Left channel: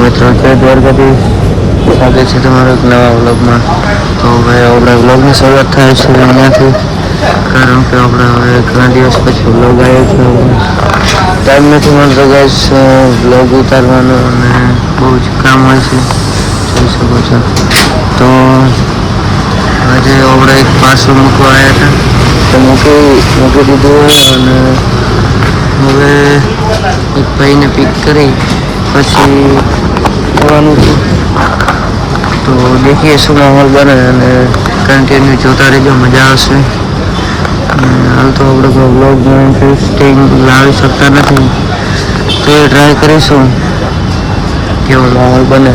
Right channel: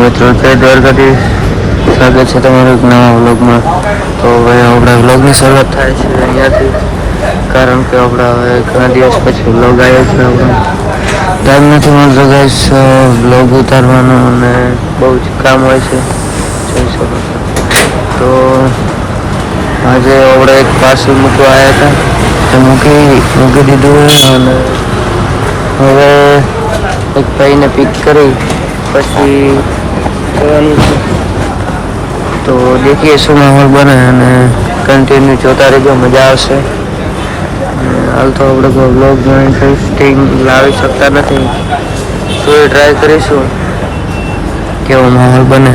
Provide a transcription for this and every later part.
મિત્રો જય દ્વારકાધીશ, સ્વાગત છે તમારું એક નવા વ્લોગમાં. તો હવે આપણે વ્લોગની શરૂઆત થાય છે અહીંયાથી, કારણ કે આપણે હવે ઘણા દિવસ પછી વ્લોગ આવ્યો છે. ટાઈમ નથી મળતો ગાઈસ વ્લોગ ઉતારવાનો અને બહુ જ કામ હોય છે, જોઈ શકો છો. તો આજે આપણે એક પાર્સલ મૂકવા આવ્યા હતા, મૂકી દીધું અને હવે એક ભાઈને પિક કરી પછી જવાનું છે. તો દેખીએ શું માહોલ બને અને કન્ટિન્યુ જોતા રહેજો, મજા આવશે. હાલ તો આપણે કોઈ વ્લોગમાં ઇન્ટરેસ્ટિંગ લાવી શકતા નથી, તો એ ટ્રાય કરીશું કેવો માહોલ બને.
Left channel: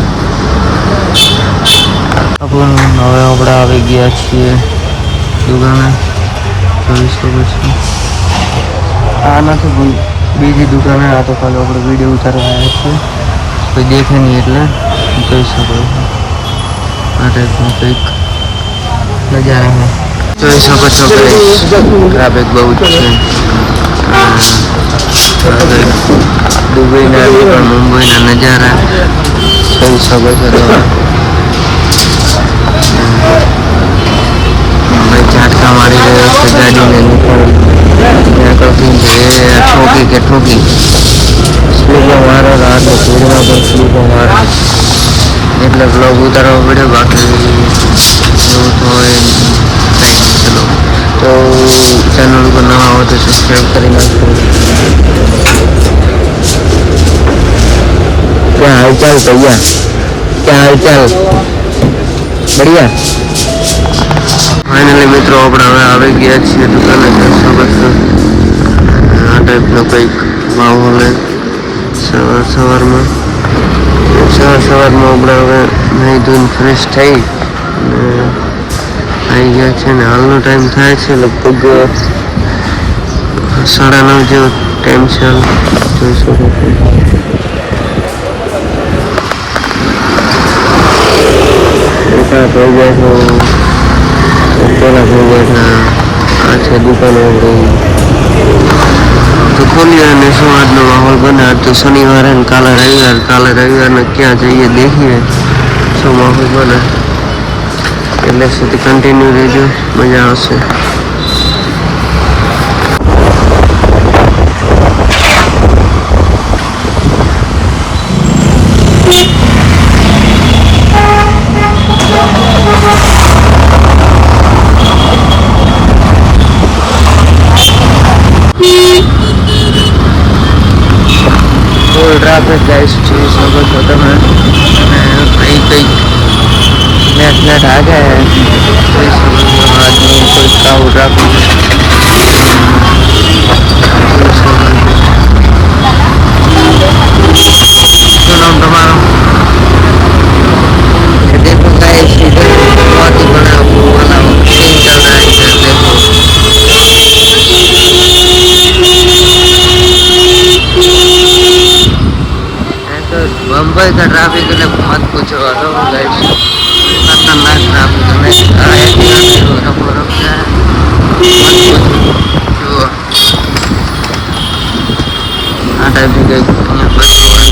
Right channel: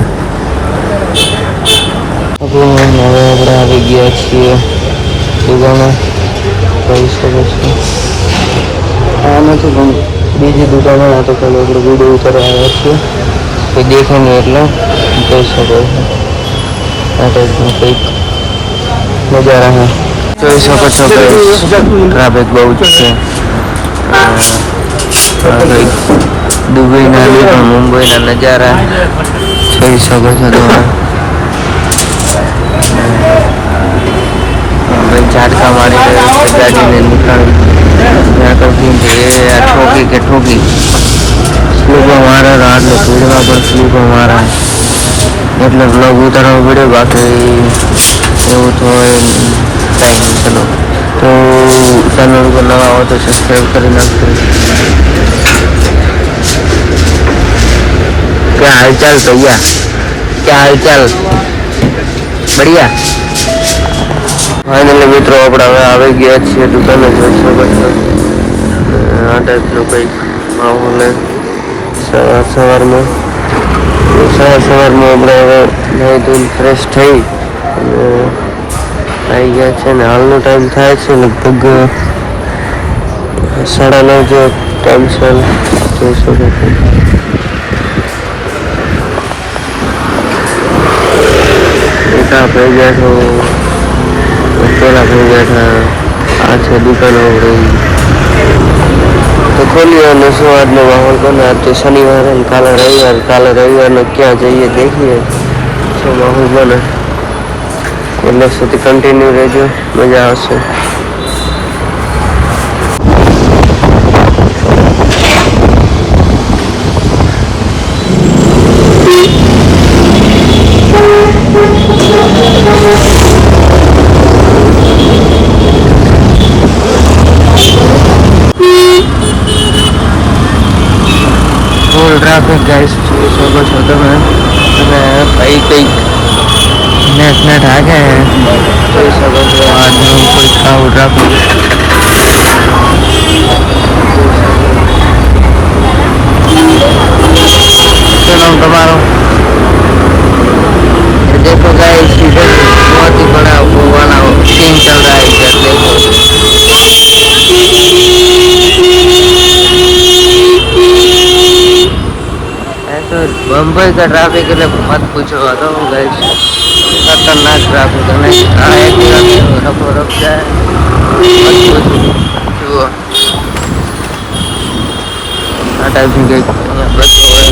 હવે આપણે આવી ગયા છીએ દુકાને, જોઈ શકો છો. આ નથી પણ બીજી દુકાને, આ તો ખાલી આપણે વિડીયો ઉતારવા આવ્યા છીએ, કોઈ દેખે નહીં એટલે જોઈ શકો છો. આ ટાઈપનું કંઈક નજારા છે, જોઈ શકો છો કે ટ્રાફિક બહુ જ છે. દુબઈના મુંબઈના નજારા જોઈ શકો છો તમે. ભાઈ ઝાટકા મારી રહ્યો છે ગાડીને નીકળી ઠોકી કે ઠોકી સ્લીપો મારે, રાતને પૂર્ણા પર સ્લીપો મારે એટલે બ્લોગ ઉતારવો પડ્યો. બાકી એવું તો કાંઈ નહીં. ચલો, તો ચેનલ ઉપર નવા હો તો સબસ્ક્રાઈબ કરી નાખજો. क्या हाल चाल भैया, क्या हाल चाल, बढ़िया. ફાઇનલી મિત્રો આપણે હવે આવી ગયા છીએ દુકાને, જોઈ શકો છો. આ ટાઈપનો કંઈક માહોલ હે સવારમાં આપણે હવે નાહી ધોઈને ફ્રેશ થઈ અને આવી ગયા છે. ને હાલનો ટાઈમ થાય છે લગભગ 9:30 જેવો ટાઈમ છે, જોઈ શકો છો. મોટા થઈ ગયા છો, પેલા થઈ ગયા. આ છે દુકાનો આપણી, તો ખોલીએ અને શું આજનો માહોલ બને. આજ તો શનિવારે ને કાલે રવિવારને ક્યાં જઈએ દેખીએ શું માહોલ બને. એટલે સુધી કન્ટિન્યુ રહેજો, મજા આવશે. मुंबई का ट्रैफिक है मत पूछो, खतरनाक ट्रैफिक है. रफ जाए मत पूछो. आ टाइप बसो है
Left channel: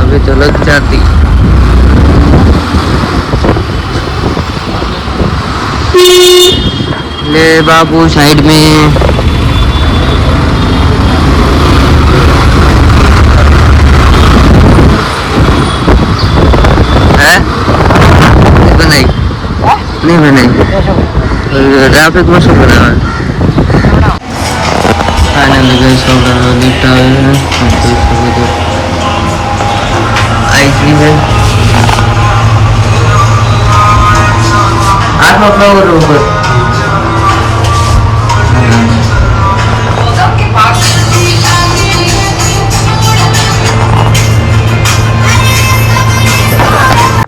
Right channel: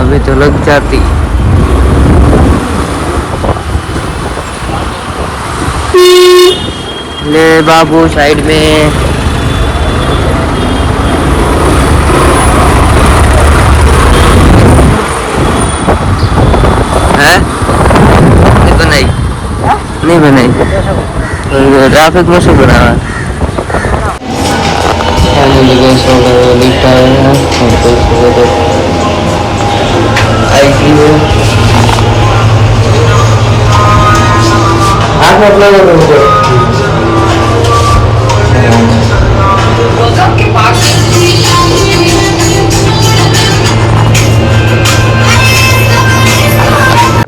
अभी तो लग जाती. ले बाबू साइड में नहीं बनाई. ट्रैफिक में શું બનાવે. ફાઇનલી ગઈ આપણે લિફ્ટ આવે છે, જોઈ શકો છો. आई थी है हाथ मत लगाओ ऊपर.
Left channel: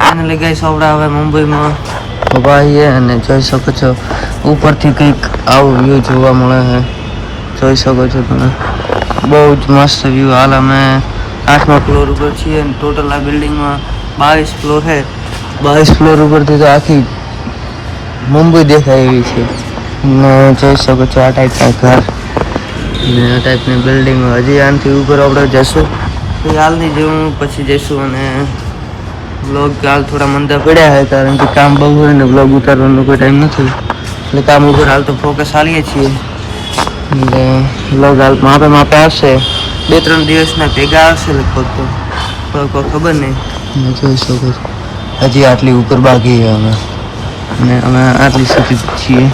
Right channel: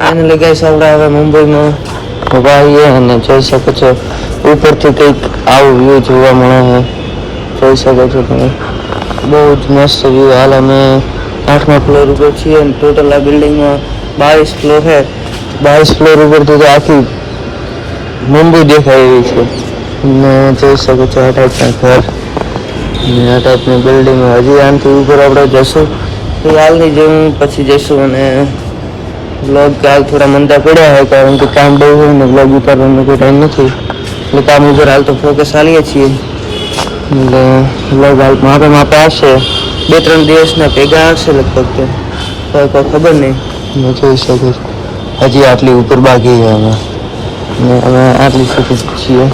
ફાઇનલી ગઈ આપણે હવે મુંબઈમાં ઉભા છીએ અને જોઈ શકો છો ઉપરથી કંઈક આવો વ્યૂ જોવા મળે છે, જોઈ શકો છો તમે. બહુ જ મસ્ત વ્યૂ. હાલ અમે 8મા ફ્લોર ઉપર છીએ અને ટોટલ આ બિલ્ડિંગમાં 22 ફ્લોર છે. 22 ફ્લોર ઉપરથી તો આખી મુંબઈ દેખાય એવી છે. ને જોઈ શકો છો આ ટાઈપના ઘર ને આ ટાઈપની બિલ્ડિંગ હજી આનાથી ઉપર આપણે જશું તો હાલની જેવું પછી જઈશું. અને બ્લોગ હાલ થોડા મંદા પડ્યા છે કારણ કે કામ બહુ હોય ને બ્લોગ ઉતારવાનો કોઈ ટાઈમ નથી. એટલે કામ ઉપર હાલ તો ફોકસ આલીએ છીએ. એટલે બ્લોગ હાલ મારે આવશે 2-3 દિવસના ભેગા આવશે લગભગ. તો કોઈ ખબર નહીં. મેં જોઈ શકું હજી આટલી ઉપર બાકી છે હવે, અને અમે આટલી સુધી છીએ.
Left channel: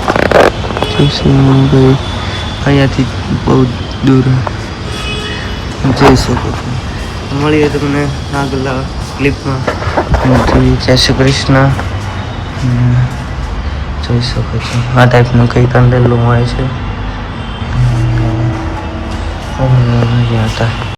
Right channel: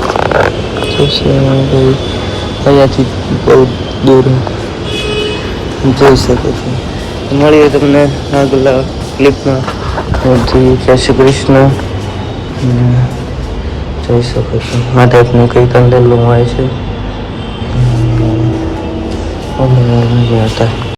અહીંયાથી બહુ દૂર જોઈ શકો છો. મળીએ તમને આગળ ક્લિપમાં. જય શ્રી કૃષ્ણ. જોઈ શકો છો આ ટાઈપનું કંઈ કંડેલું હોય છે.